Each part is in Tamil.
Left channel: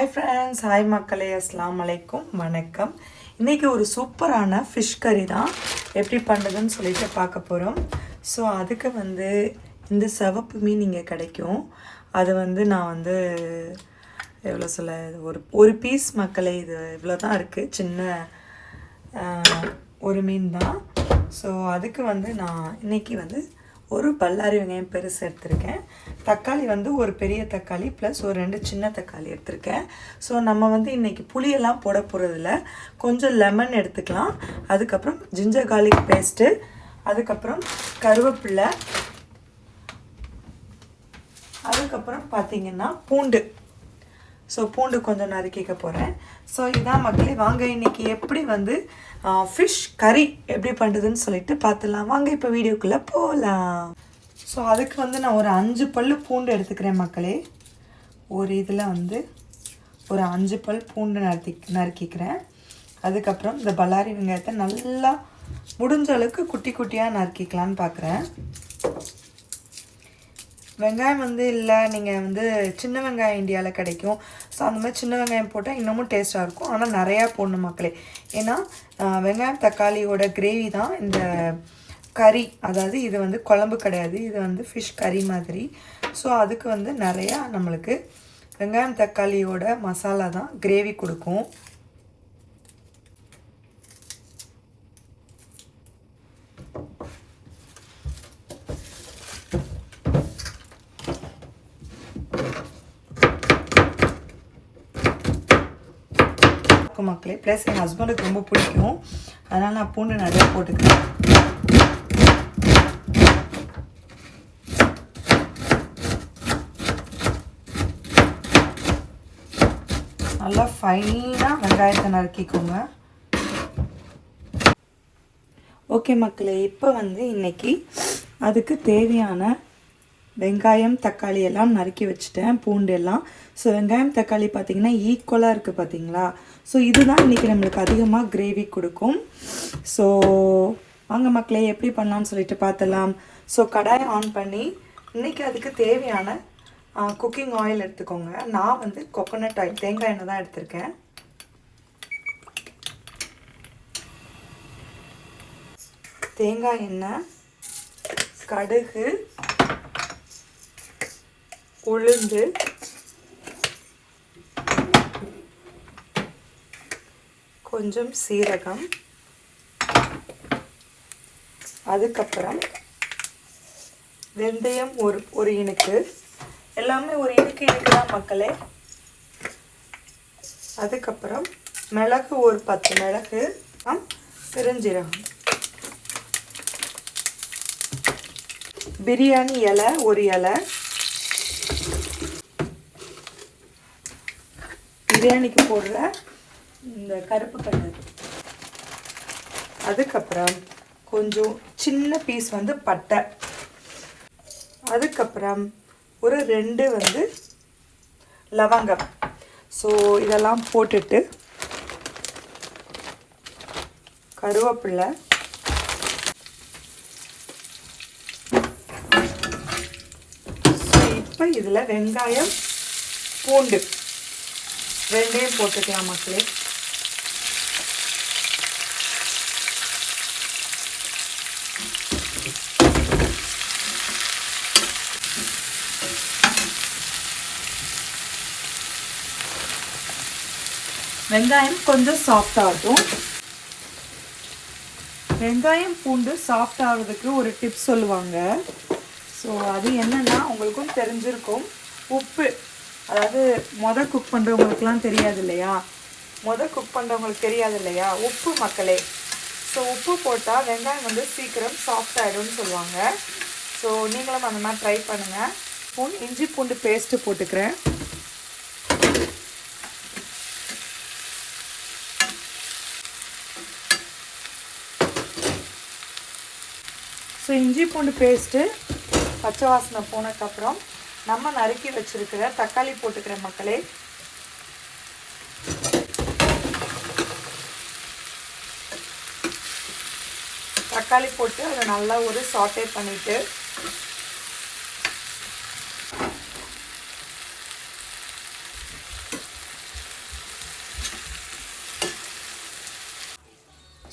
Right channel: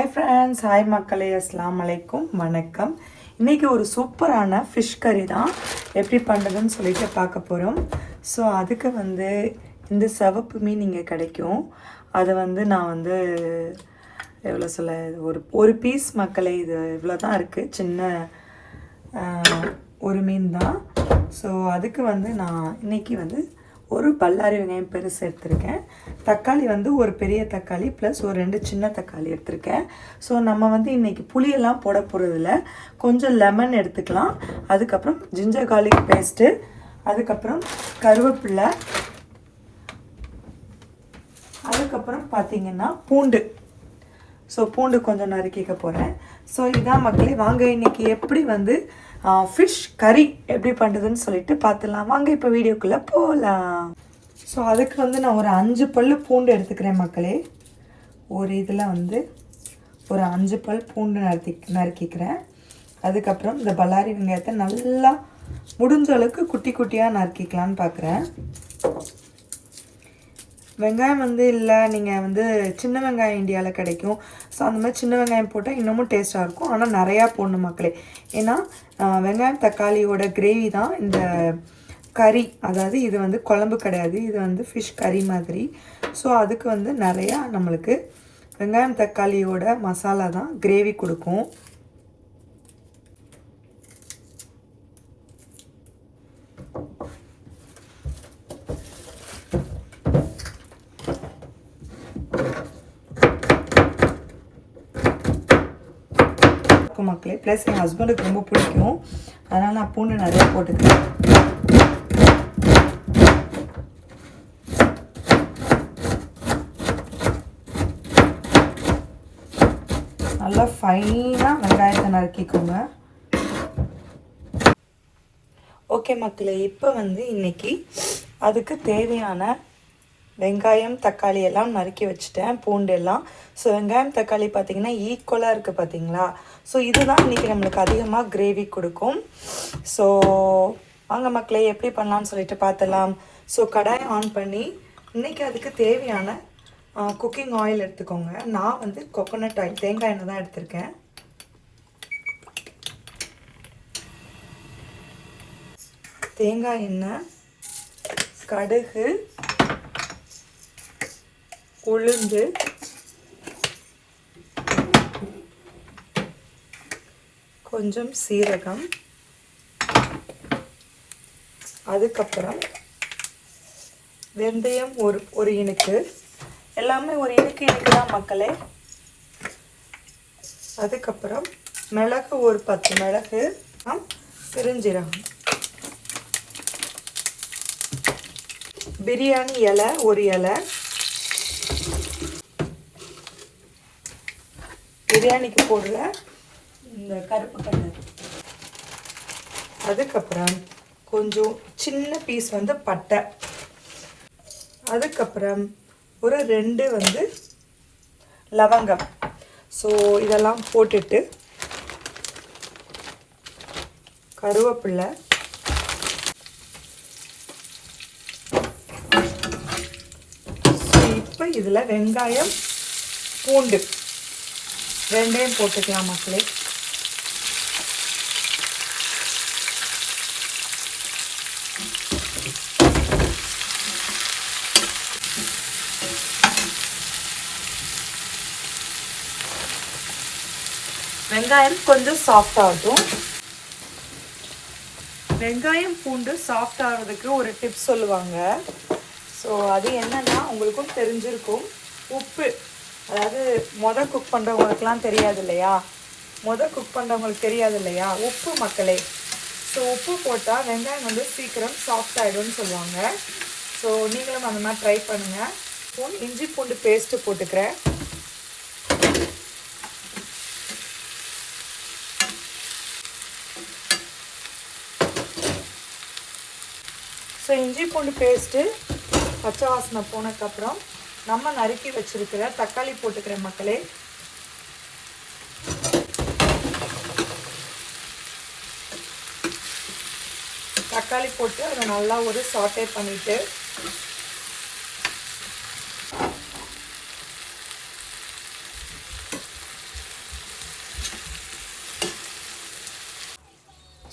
ஹாய் ஃப்ரெண்ட்ஸ், ஹாய் மக்களே, அஸ்ஸலாமு அலைக்கும், வணக்கம். இன்றைக்கி ஒரு சூப்பரான ஃபிஷ் கறி தான் எப்படி பண்ணுறதுன்னு சொல்லிட்டு பார்க்க போகிறோம். ஸோ அதுக்கு இந்த சிவப்பு மீன் இங்கே கிடைக்கும். அதை நான் எவ்வளோ சொல்ல, ஒரு பீஸ் மக்களே, இது இவ்வளோ தான் இருக்குது, சின்ன ஒரு மீன் தான். ஸோ அதுக்கு நான் இன்றைக்கி ஒரு பல்லாரி வெங்காயம் பெருசு எடுத்திருக்கேன். தக்காளி ஒரு பெரிய தக்காளி ப்ளஸ் ஒரு 2 சின்ன தக்காளி எடுத்திருக்கேன். ஸோ நம்ம இன்றைக்கி புளியெல்லாம் போட போகிறதில்ல, கொஞ்சம் லெமன் எடுத்துக்கலாம். அதுக்கப்புறம் ஜிஞ்சர் கார்லிக் பேஸ்ட்டு, அதுக்கப்புறம் கருவேப்பிலை, அதுக்கப்புறம் பார்த்திங்கன்னா பூண்டு. ஸோ பூண்டு கொஞ்சம் நறுக்கிக்க போகிறேன். ஸோ இதான் மக்களே, வாங்க இன்றைக்கி எப்படி ஃபிஷ் கறி எப்படி பண்ணுறதுன்னு சொல்லிட்டு பார்த்துடலாம். வாங்க இப்போ வீடியோக்குள்ளே போகலாம். ஸோ அதுக்கு நான் ஒரு 5 பல் பூண்டு எடுத்துக்கிறேன் மக்களே. ஒரு இதில் ஒரு 5 பல் பூண்டு நறுக்கிக்கிறேன். அதுக்கப்புறம் இந்த பல்லாரி வெங்காயத்தை நல்லா முடிஞ்ச அளவுக்கு குட்டி குட்டியாக நறுக்கிக்கலான்னு பார்க்குறேன். வெங்காயம் இல்லை, நீங்கள் சின்ன வெங்காயம் இந்தியாவில் கிடைக்கும். ஸோ அந்த மாதிரி சின்ன வெங்காயம் போட்டால் இன்னமும் டேஸ்ட்டாக இருக்கும். ஆனால் நிறையா போடணும் மக்களே, ஏன்னா வெங்காயம் தக்காளியோட கிரேவி தான் இந்த கறி. அதாவது இது குழம்பு கிடையாது, இது ஃபிஷ் கறி மாதிரி. ஸோ அதுக்கு நிறையா நம்மளுக்கு வெங்காயம் தக்காளியோட மசாலா தான் கிரேவி கொடுக்கும். மக்களே, ப்ளஸ் என் ஹஸ்பண்டுக்கு ரொம்ப பிடிக்கும், அதனால் நான் பூண்டு நிறையா போட்டுக்கிறேன். நல்லா ஃபைனாக வெங்காயத்தை நறுக்கிக்கோங்க. ஓகே மக்களே, இப்போ இன்றைக்கி அதுக்கு தேவையான வெங்காயம் தக்காளி எல்லாம் நறுக்கி வச்சுட்டேன், பூண்டு எல்லாம். ஸோ வெங்காயம் தக்காளி பார்த்திங்கன்னா ஈக்குவலாக இருக்குது பார்த்தீங்களா. ஸோ இதுதான் இன்றைக்கி நம்மளுக்கு அதிகமாக கிரேவி கொடுக்கும். ஸோ வாங்க மக்களே எப்படி பண்ணலான்னு சொல்லிட்டு பார்த்துலாம். ஸோ கடாயை ஆன் பண்ணி இன்றைக்கி அதுக்கு தேவையான குக்கிங் ஆயில் எடுத்துக்கோங்க. நான் கோகோனட் ஆயில், தேங்காய் எண்ணெய் தான் எடுத்திருக்கேன். தேங்காய் எண்ணெய், கடுகு, உளுந்து, கொஞ்சம் சீரகம், அதுக்கப்புறம் வெந்தயம் ஒரு இனுக்கு, எல்லாமே ஒரு இனுக்கு தான் மக்களே. அதுக்கப்புறம் மிளகு ஒரு 10 மிளகு, பெருஞ்சீரகம், பிரியாணி இலை ஒரு இலை, பிரியாணிக்கு போடுற இந்த கருப்பு கலர். அதுக்கப்புறம் கொஞ்சம் சின்ன பீஸ் பட்டை, அதுக்கப்புறம் ஒரு 2 லவங்கம். ஸோ இதெல்லாம் போட்டுட்டு கருவேப்பிலை, ஸோ இப்போ இதில் வெங்காயம் பூண்டு ரெண்டையும் போட்டுக்கலாம் மக்களே. வெங்காயம் கொஞ்சம் சாஃப்ட் ஆகும். வெங்காயம் பூண்டு சாஃப்ட் ஆகிறதுக்கு ஒரு டிப்ஸ் சொல்லுவாங்க. ஸோ அது என்னன்னா உங்களுக்கும் தெரிஞ்சிருக்கும். உப்பு, அதாவது குக் பண்ணுறவங்களுக்குலாம் தெரியாது இல்லையா, குக் பண்ணுறவங்களுக்கு தெரியாது இல்லையா, உப்பு மக்களே. ஸோ உப்பு போட்டால் வெங்காயம் சீக்கிரம் சாஃப்ட் ஆகிடும்னு சொல்லுவாங்க. ஸோ நீங்களும் அந்த மாதிரி ட்ரை பண்ணுங்கள். இஞ்சி பூண்டு பேஸ்ட்டு போட்டுக்கிறேன். ஸோ இஞ்சி பூண்டு பேஸ்ட்டு பச்சை வாசனை போனதுக்கப்புறம் நம்ம நறுக்கி வச்சிருக்கிற தக்காளி போட்டுக்கிறேன் மக்களே. தக்காளி போட்டு அதை நல்லா ஒரு சாட்டே பண்ணிவிட்டு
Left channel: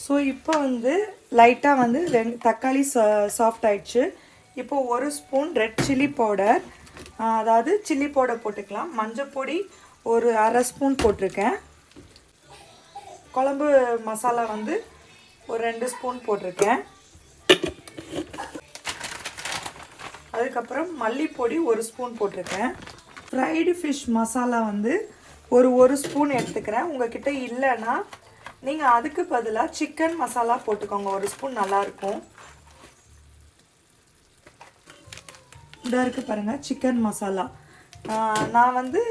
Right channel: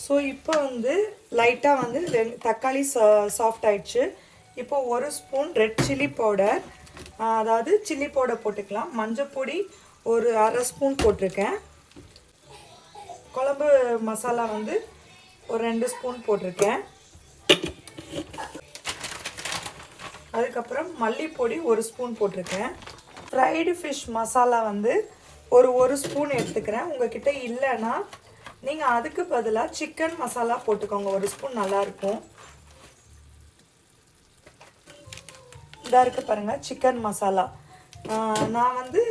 ஸோ இப்போ வந்து லைட்டாக வந்து 2 தக்காளி சாஃப்ட் ஆயிடுச்சு. இப்போ 1 ஸ்பூன் ரெட் சில்லி பவுடர், அதாவது சில்லி பவுடர் போட்டுக்கலாம். மஞ்சள் பொடி ஒரு அரை ஸ்பூன் போட்டிருக்கேன். குழம்பு மசாலா வந்து ஒரு 2 ஸ்பூன் போட்டிருக்கேன். அதுக்கப்புறம் மல்லிப்பொடி 1 ஸ்பூன் போட்டிருக்கேன். ஃப்ரைடு ஃபிஷ் மசாலா வந்து ஒரு ஸ்பூன் எடுத்துக்கிறேன். உங்ககிட்ட இல்லைன்னா நீங்கள் அதுக்கு பதிலாக சிக்கன் மசாலா போட்டுக்கோங்க. 1 ஸ்பூன் நல்லாயிருக்கும். இதாக இருக்குது பாருங்கள் சிக்கன் மசாலா. நான் வந்து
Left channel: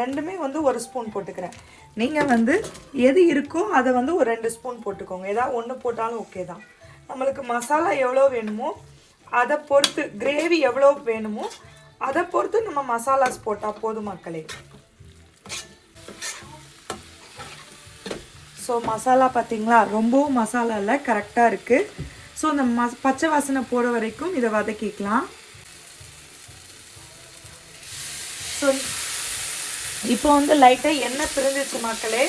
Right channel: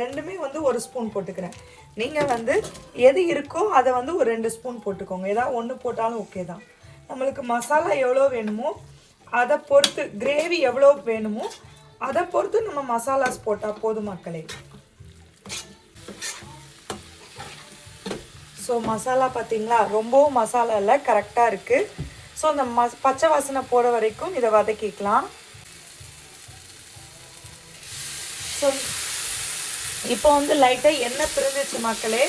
ரெண்டுமே வந்து 1 ஸ்பூன் போட்டுக்கிறேன். நீங்கள் வந்து எது இருக்கோ அதை வந்து ஒரு 2 ஸ்பூன் போட்டுக்கோங்க. ஏதாவது ஒன்று போட்டாலும் ஓகே தான். நம்மளுக்கு மசாலா எவ்வளோ வேணுமோ அதை பொறுத்து, கிரேவி எவ்வளோ வேணுமோ அதை பொறுத்து நம்ம மசாலாஸ் போட்டால் போதும் மக்களே. ஸோ மசாலா பார்த்தீங்களா, ரொம்பவும் மசாலா இல்லை, கரெக்டாக இருக்குது. ஸோ இந்த பச்சை வாசனை போட வரைக்கும் இதை வதக்கிக்கலாம். ஸோ இப்போ வந்து லைட்டாக எண்ணெய் பிரிஞ்சிச்சு மக்களே.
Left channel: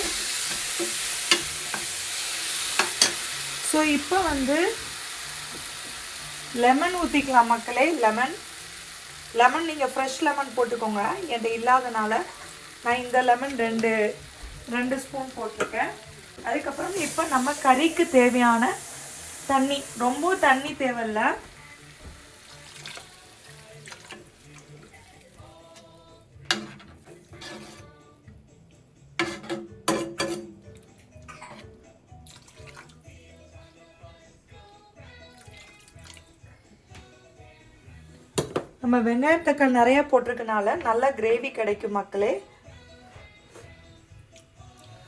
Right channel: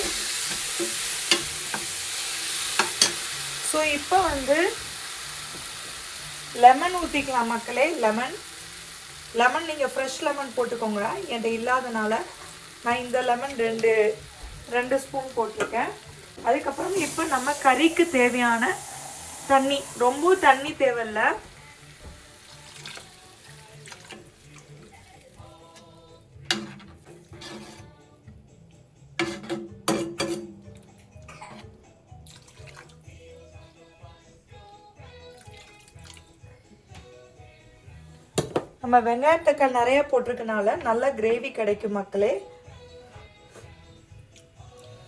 ஸோ இப்போ வந்து லெமன் ஊற்றிக்கலாம் மக்களே. லெமன் நீங்கள் ஃப்ரெஷ் லெமன் போட்டுக்கோங்க. என்கிட்ட இல்லாதனால நான் இந்த லெமன் 2 ஸ்பூன் போட்டிருக்கேன். அதுக்கப்புறம் இப்போ நம்ம கறிக்கு தேவையான தண்ணி, ரொம்ப தண்ணி தேவையில்லை. நம்ம வெங்காயத்தக்காளி நிறைய போட்டிருக்கனால நல்ல கிரேவி கிடைக்கும் மக்களே.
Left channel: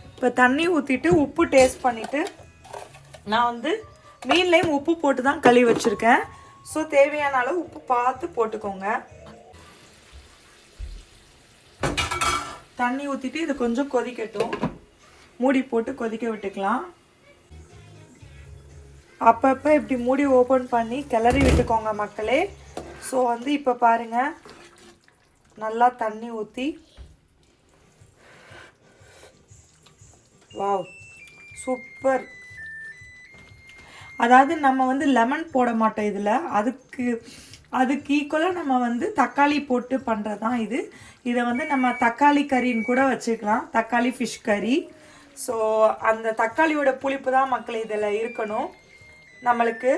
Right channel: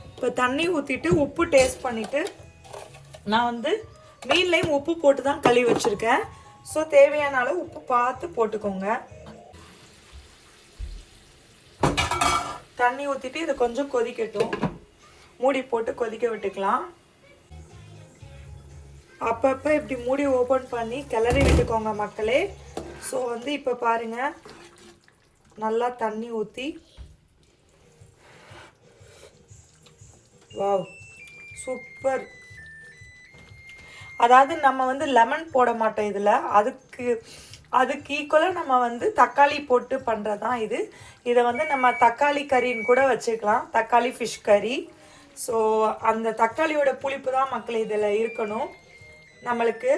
இப்போ தண்ணி ஊற்றிட்டு உப்பு டேஸ்ட் பண்ணிவிட்டு, நான் வந்து மீன்லேயும் உப்பு போட்டு தான் கழுவி வச்சுருக்கேன். ஸோ தேவையான அளவு உப்பு பார்த்து போட்டுக்கோங்க. தண்ணி ஊற்றிட்டு இது கொஞ்சம் கொதிக்கட்டும். மூடி போட்டு கொதிக்க விட்டுக்கலாம். அப்பப்போ இப்படி மூடி ஓப்பன் பண்ணி கிளறி விட்டுக்கோங்க மக்களே. ஸோ வந்து இப்போ பாருங்கள், நல்லா தண்ணி ஊற்றி, வாவ் சூப்பர். அதாவது நம்ம வந்து லெமன் போட மாட்டோம் இதில், அதுக்கு ஈக்குவலாக நம்ம வந்து தக்காளி போட்டு பண்ணுறது தான் இது. இதை வந்து நம்ம தக்காளி கறின்னு கூட வச்சுக்கலாம், தக்காளி ஃபிஷ் கறி. ஸோ அந்த தக்காளியோட புளிப்பு தான் மக்களே இதில் இருக்கணும். நம்மளுக்கு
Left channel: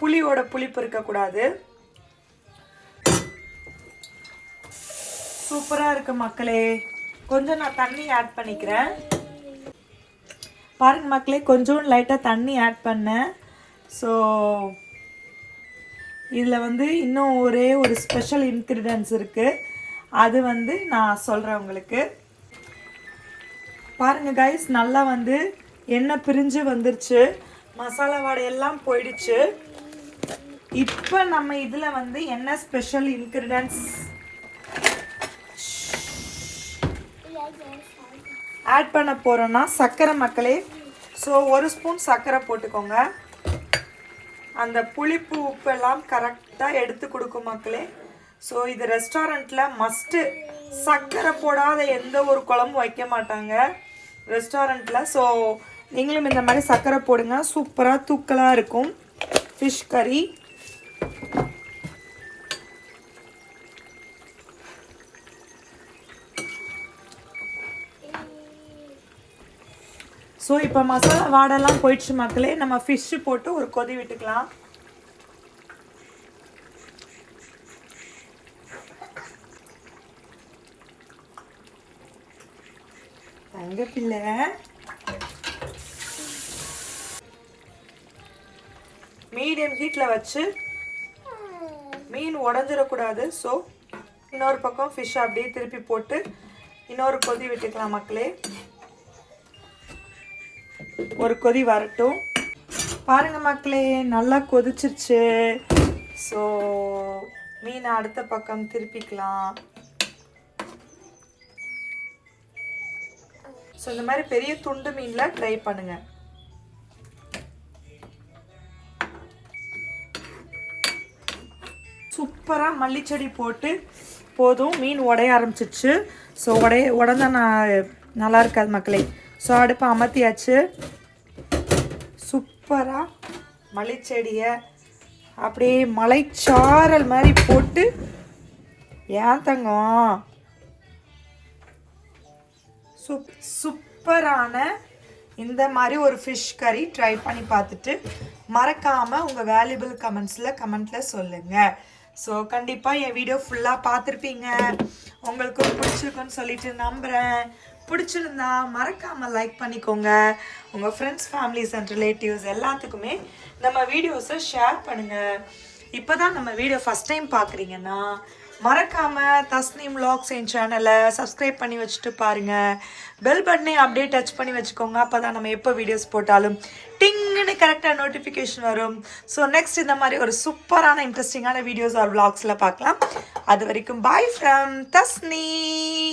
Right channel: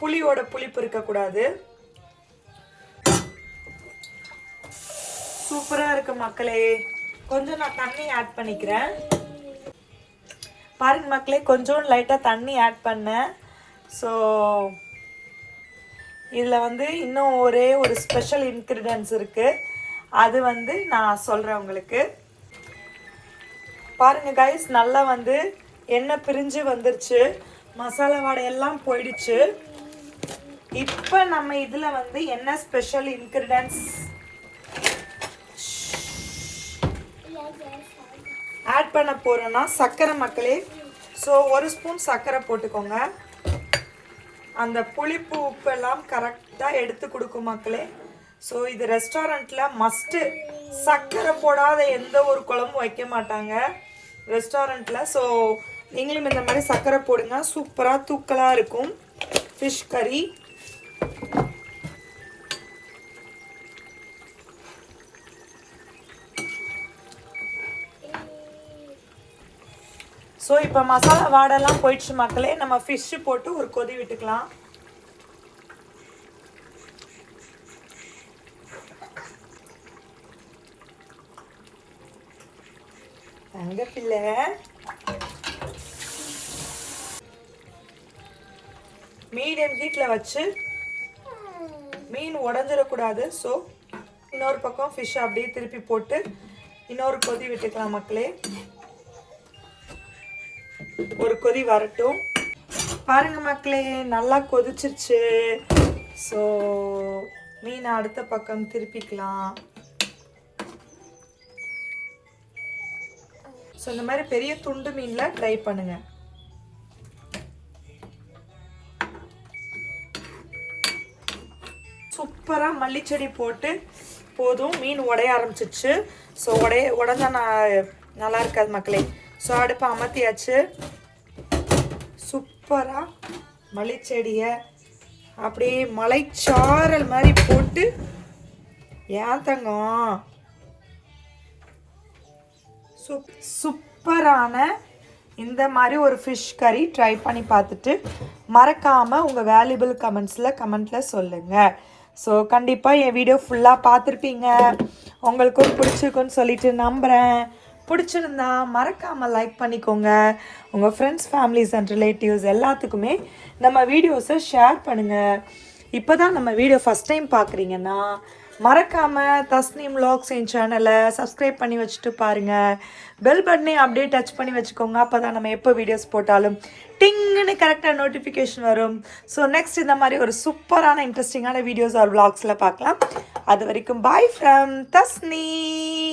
புளியோட புளிப்பு இருக்கக்கூடாது. சூப்பராக இருக்குது மக்களே. கொஞ்சம் நான் தண்ணி ஆட் பண்ணிக்கிறேன். பாருங்க மக்களே, கொஞ்சம் லைட்டாக தண்ணி ஆட் பண்ணேன். ஸோ இதில் வந்து இன்னும் ஒரே ஒரு ஸ்பெஷல் இன்க்ரீடியன்ஸ் இருக்குது. அது வந்து நான் சொல்கிறேன் உங்களுக்கு. பாருங்கள் கைஸ், நல்லா வந்து எண்ணெய் பிரிஞ்சு வந்துருச்சு, மசாலா வாடையெல்லாம் போயிடுச்சு. இப்போ நம்ம இதில் வந்து என்ன ஸ்பெஷல் இன்க்ரீடியன்ஸ் ஆட் பண்ண போகிறோன்னா சர்க்கரை மக்களே. ஸோ 1 ஸ்பூன் சர்க்கரை போட்டுக்கோங்க. அந்த புளிப்பு உப்பெல்லாம் கரெக்டாக எடுத்து கொடுக்கும் மக்களே. ஸோ இது ரெஸ்டாரண்ட்டில் மஸ்ட்டு. சர்க்கரை போடாத எந்த ஒரு குழம்பும் வைக்க மாட்டாங்க ரெஸ்டாரண்ட்டில். ஸோ நீங்களும் இந்த மாதிரி சர்க்கரை போடுங்க, சூப்பராக தூக்கலாக இருக்கும் ஃபிஷ் கறி. ஸோ இப்போ மசாலா வாடெல்லாம் போயிடுச்சு மக்களே. நம்ம ஃபிஷ்ஷு போட்டு ஒரு கொதி விட்டுக்கலாம். தங்க பிள்ளை, மீடியம் ஹீட்டில் வச்சு, மீன் உடஞ்சிடக்கூடாது. ஸோ இன்னொரு பக்கம் ஃபிஷ் அப்படியே திருப்பி போட்டு இன்னொரு கொதி விட்டுக்கலாம் மக்களே. ஒரு கொதி வரட்டும். பாருங்க மக்களே, நல்லா கொதிச்சிருச்சு. ஸோ மீனை அடுத்த பக்கம் திருப்பிக்கலாம். ஸோ இந்த மாதிரி பெரிய துண்டு மீனில் ட்ரை பண்ணுங்க. சூப்பராக மல்லிச்செடி போட்டு போதும், மீன் உடைய ஆரம்பிச்சிச்சு. ஸோ உடஞ்சா நல்லா இருக்காது மக்களே. ஸோ அடுப்பை அமர்த்தியாச்சு. சூப்பராக மல்லிச்செடியை அப்படியே மலைச்சாரல் மாதிரி போட்டு ஏன் தங்கம் சூப்பரான இந்த மாதிரி ஒரு ஃபிஷ் கறி ட்ரை பண்ணி பார்த்துட்டு மறக்காமல் உங்கள் வேல்யூபிள் கமெண்ட்டில் சொல்லுங்கள். ஸோ கண்டிப்பாக என் வீடியோ ஃபுல்லாக பார்த்துருப்பீங்க, உங்களுக்கும் பிடிச்சிருக்குன்னு சொல்லிட்டு நம்புகிறேன். பிடிச்சிருந்தா மறக்காமல் லைக் பண்ணிக்கோங்க. உங்கள் ஃப்ரெண்ட்ஸ், ஃபேமிலிஸ் அண்ட் ரிலேட்டிவ்ஸ் எல்லாத்துக்குமே நம்ம வீடியோஸை ஷேர் பண்ணுங்கள். இப்போ தான் நம்ம வீடியோ ஃபஸ்ட் டைம் பார்க்குறீங்கன்னா மறக்காமல் தஸ்னீம் vlogs என் சேனலை சப்ஸ்கிரைப் பண்ணி வச்சுட்டு பாருங்கள். பெல் பட்டனை அப்படியே டச் பண்ணி வச்சுக்கோங்க. அப்போ தான் நம்ம எப்போ வீடியோஸ் போட்டாலும் டிங்குன்னு கரெக்டாக நோட்டிஃபிகேஷன் வரும். ஸோ நெக்ஸ்ட் இந்த மாதிரி ஒரு சூப்பரான இன்ட்ரெஸ்டிங்கான வீடியோஸ் ஆர் vlogsல பார்க்கலாம். அது வரைக்கும் பாய் ஃப்ரம் தஸ்னீம்.